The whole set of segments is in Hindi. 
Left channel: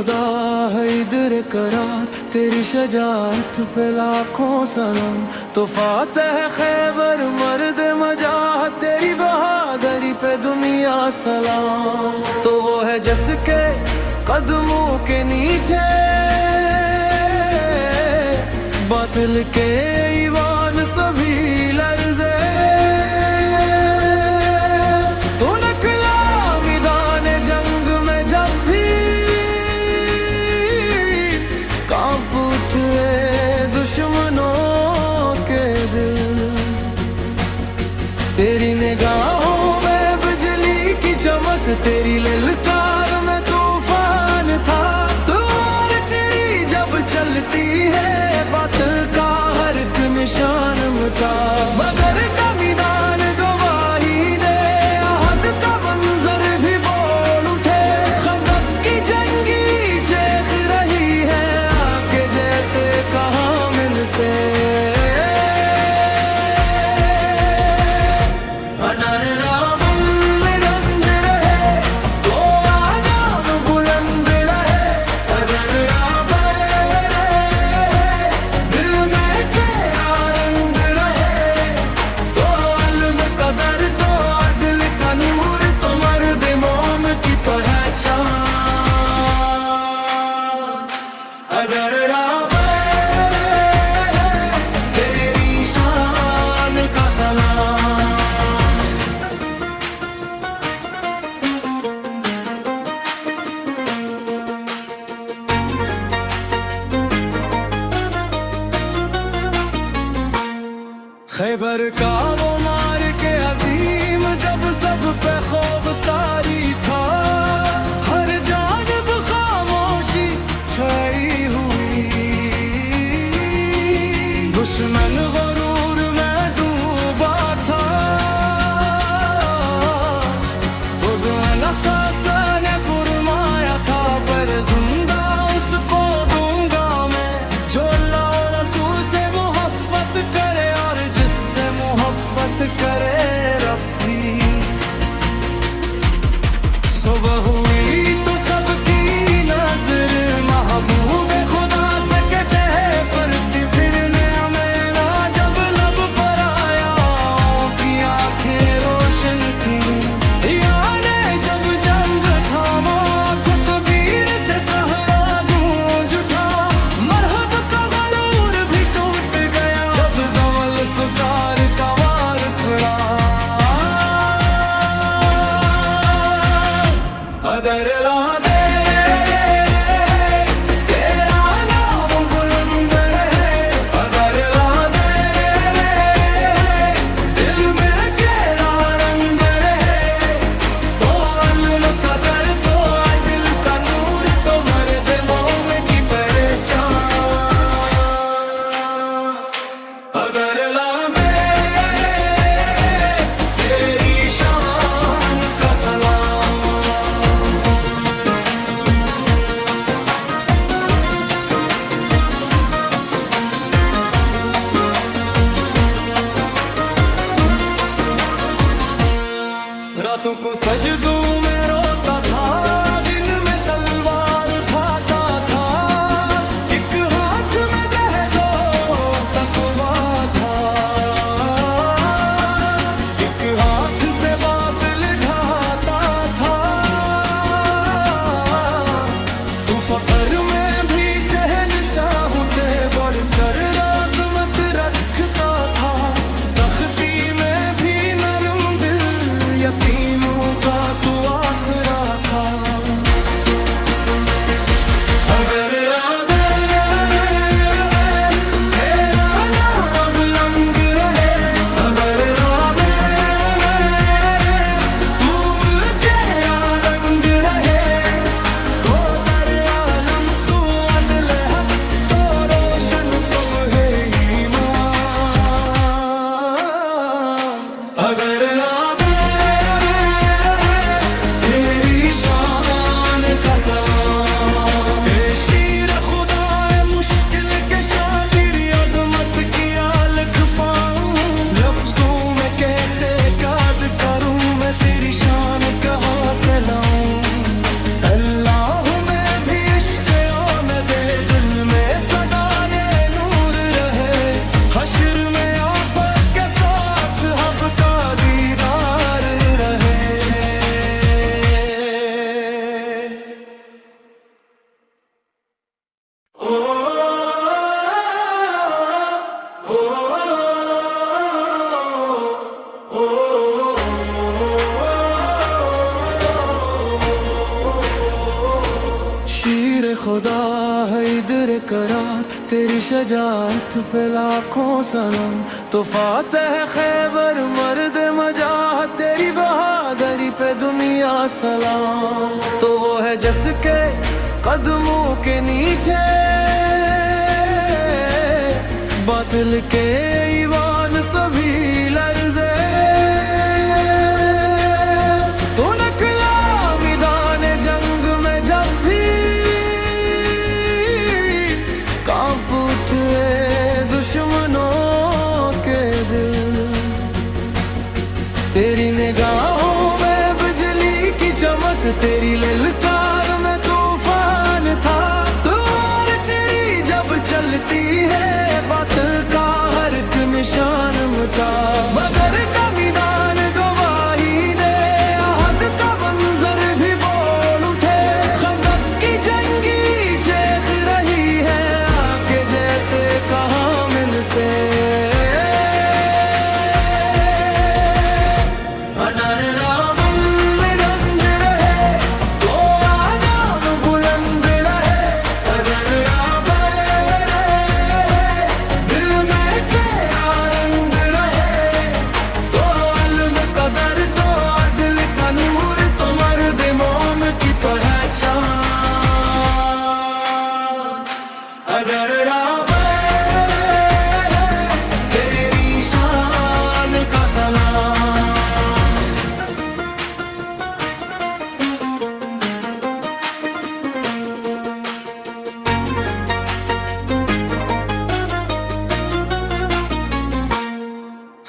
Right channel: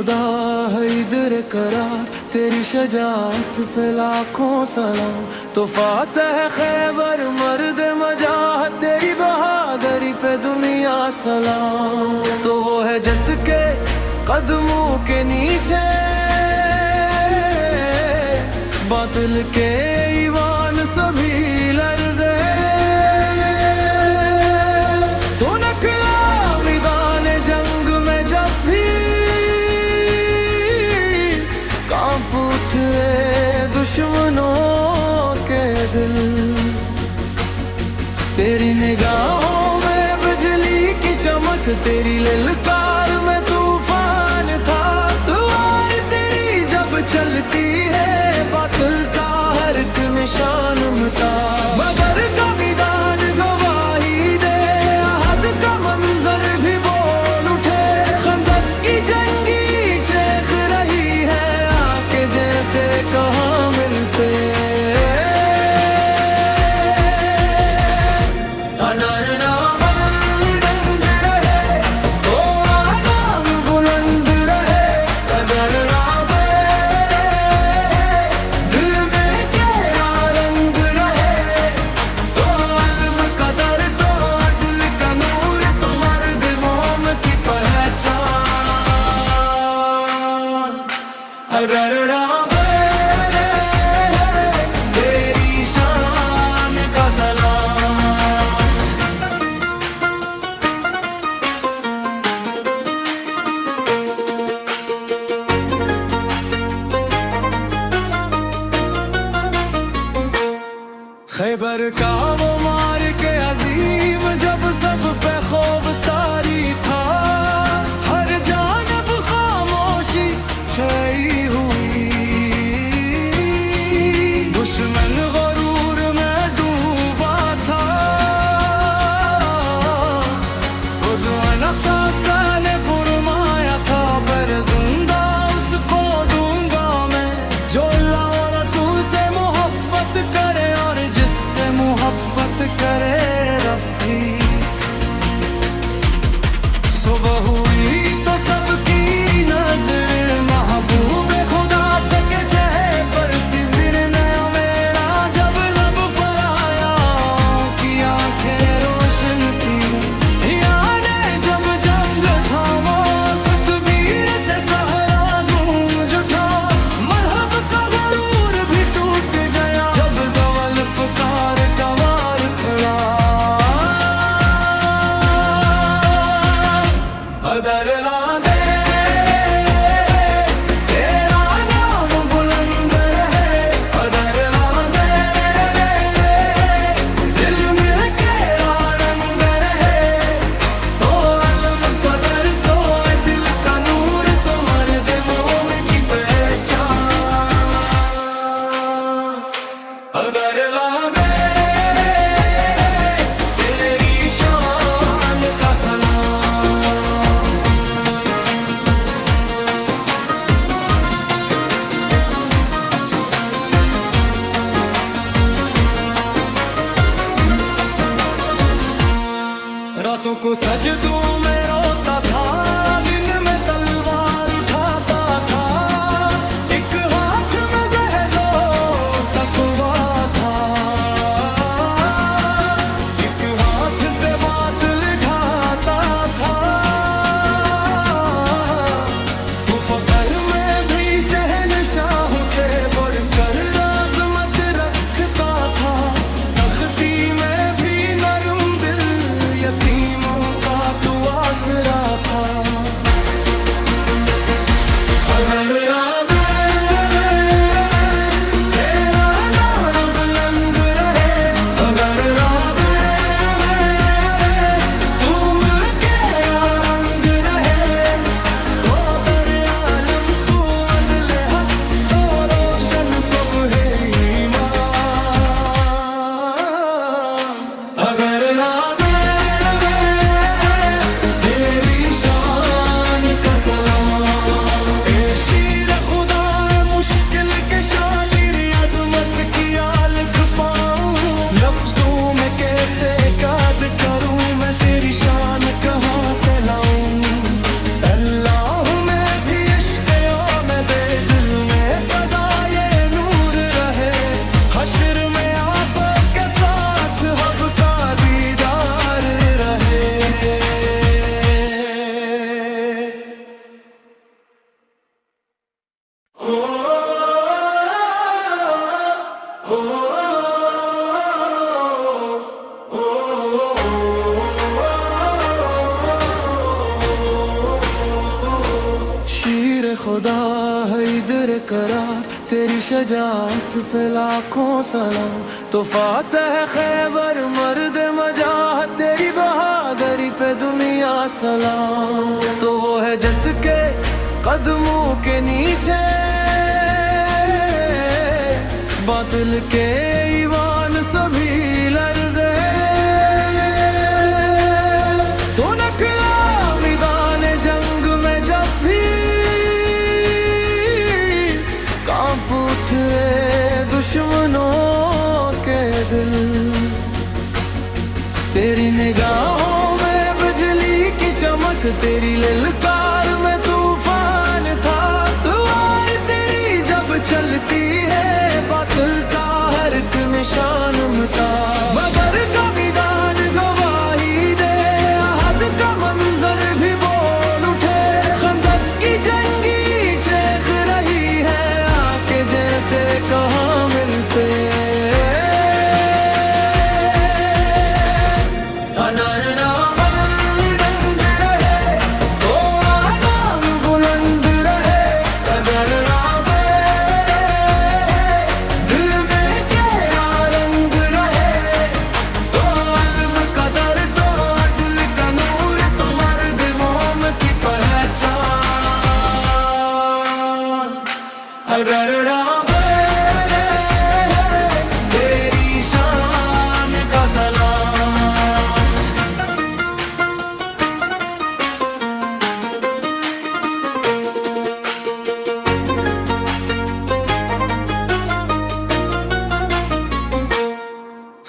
खुदा है इधर करार, तेरी शजाअत पे लाखों सलाम। तो फातह खैबर मर्द मजाह, तेरी बहादुरी पे दुनिया सलाम। तो वो है जिसके कदमों के नीचे बातिल के ईवान सभी लर्ज़े। तो निकला मैदान जंग में जब भी कांप उठे दुश्मनों के दिल। तेरी निगाहों में बिजली की चमक, तेरी ललकार में तूफान था। तलवार तेरी जब चलती है बातिल का हर एक निशान मिटा। बदर का मैदान गवाही दे, अहद का मंजर भी बोल उठे। खंदक की जंगी चेख रही है आके जैसे कहाँ मिलते। तेरी शान का सलाम। खैबर का वो मार के अजीम जब सब पे खौफ तारी था। हर जानब खामोशी छाई हुई, दुश्मन गरूर में डूबा था। खुद नकासा ने फरमाया था पर जिंदा उसको दूंगा मैं, जो अल्लाह और रसूल से मोहब्बत करे और जिससे मोहब्बत करे रब्बी। सुबह हुई तो सबकी नजर महबूब खुदा से के चेहरे पर थी। दिन नया मेरा जब लब पर आया की आंखें रोशन थी। याने जब जंग थामा तकबीर से सहरा गूंज उठा। मरहब का गरूर भी टूट गया जब ज़वल फ़ुकार का वार पड़ा। अदर ला दे तेरा नाम बुलंद है। अदर ला दे दिल में केरा रंग रहे। तो इल्म कदर तो दिल का नूर, तो मर्द मोमिन की पहचान। अदर ला दे तेरी शान का सलाम। रातों को सजदों में रोता था, दिन में तलवार उठाता था। एक हाथ में ज़हदो तकवा था, एक हाथ से बातिल ढाता था। तू फ़क्र में भी शहनशाहों से बढ़कर राज़मत रखता था। सख्ती में भी नरम दिल यतीमों का तू आसरा था। अगर राधे तेरा नाम बुलंद रहे। अगर राधे तुम तेरा रंग रहे। तो दर आलम तू अदल हक, तो रोशन सब है ईमान। अगर राधे तेरी शान का सलाम। ए शीर खुदा है मुश्किल के शातिर, अजमत की आलख पाऊं। लफ्जों में कैसे काद करूं मैं, तेरी शान कहाँ से लाऊं। अल्लाह में भी इश्क हैदर करार, तेरी शजाअत पे लाखों सलाम। तो फातह खैबर मर्द मजाह, तेरी बहादुरी पे दुनिया सलाम। तो वो है जिसके कदमों के नीचे बातिल के ईवान सभी लर्ज़े। तो निकला मैदान जंग में जब भी कांप उठे दुश्मनों के दिल। तेरी निगाहों में बिजली की चमक, तेरी ललकार में तूफान था। तलवार तेरी जब चलती है, बातिल का हर एक निशान मिटा। बदर का मैदान गवाही दे, अहद का मंजर भी बोल उठे। खंदक की जंगी चेख रही है, आके जैसे कहाँ मिलते। तेरी शान का सलाम।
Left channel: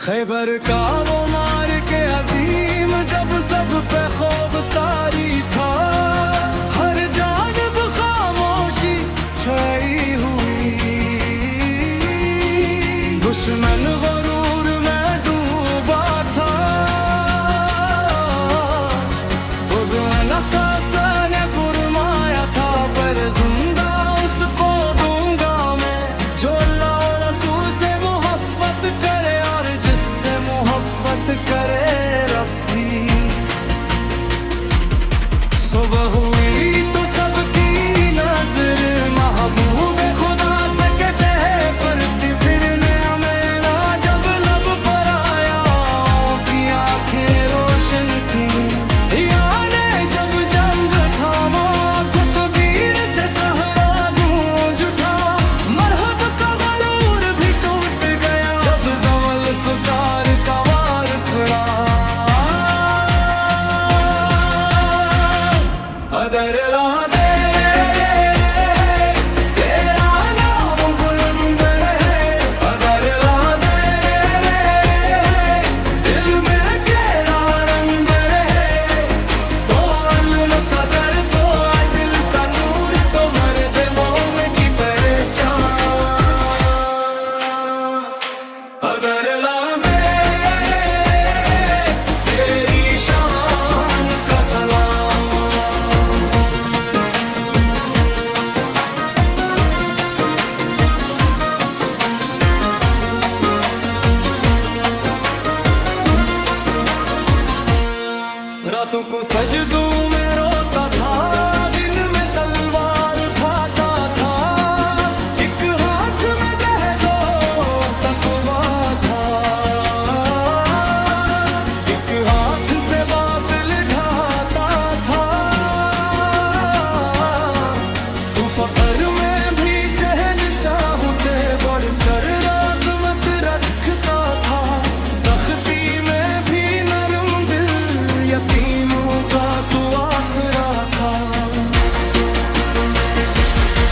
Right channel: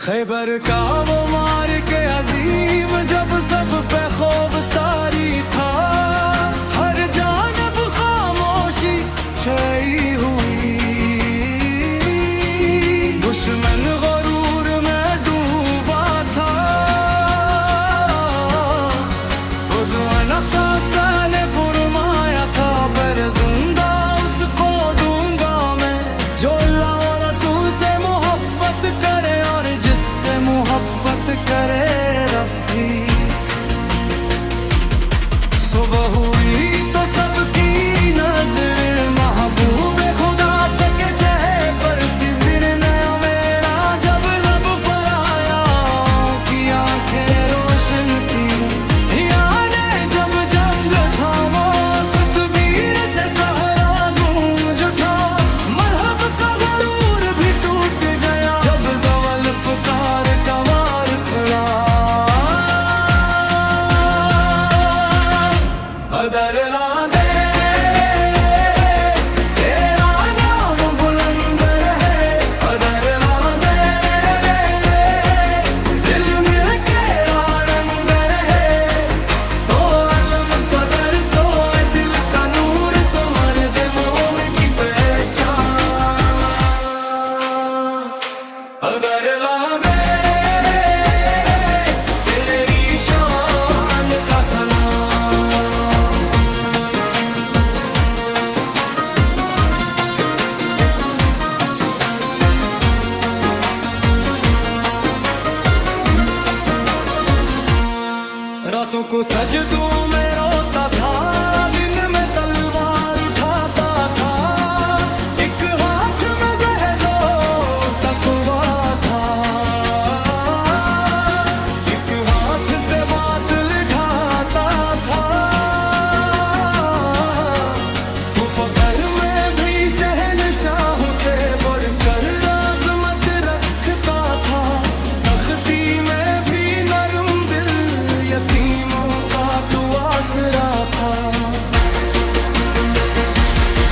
खैबर का वो मार के अजीम, जब सब पे खौफ तारी था। हर जानब खामोशी छाई हुई, दुश्मन गरूर में डूबा था। खुद नकासा ने फरमाया था, पर जिंदा उसको दूंगा मैं, जो अल्लाह और रसूल से मोहब्बत करे और जिससे मोहब्बत करे रब्बी। सुबह हुई तो सबकी नजर महबूब खुदा से के चेहरे पर थी। दिन नया मेरा जब लब पर आया, की आंखें रोशन थी। याने जब जंग थामा, तकबीर से सहरा गूंज उठा। मरहब का गरूर भी टूट गया, जब ज़वल फ़ुकार का वार पड़ा। अदर ला दे तेरा नाम बुलंद है, अदर ला दे दिल में केरा रंग रहे। तो इल्म कदर, तो दिल का नूर, तो मर्द मोम की पहचान। अदर ला तेरी शान का सलाम। रातों को सजदों में रोता था, दिन में तलवार उठाता था। एक हाथ में ज़हदो तकवा था, एक हाथ से बातिल ढाता था। तू फ़क्र में भी शहनशाहों से बढ़कर राज़मत रखता था। सख्ती में भी नरम दिल, यतीमों का तू आसरा था।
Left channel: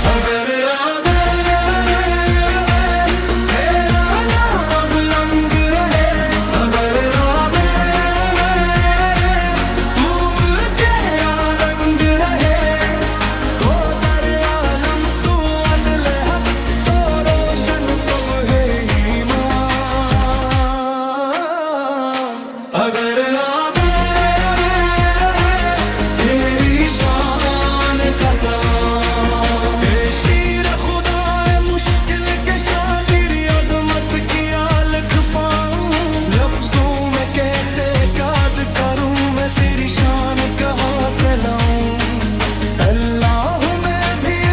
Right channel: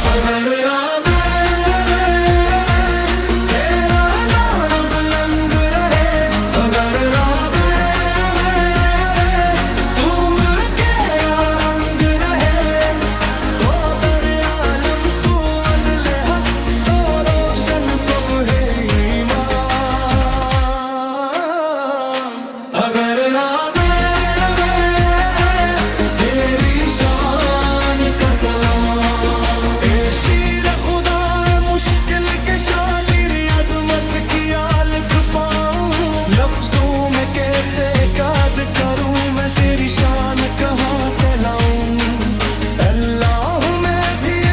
अगर तेरा नाम बुलंद रहे, अगर तुम तेरा रंग रहे। तो दर आलम तू अदल हक, तो रोशन सब है ईमान। अगर की आलख पाऊं, लफ्जों में कैसे काद करूं मैं, तेरी शान कहाँ से लाऊं। अल्लाह में भी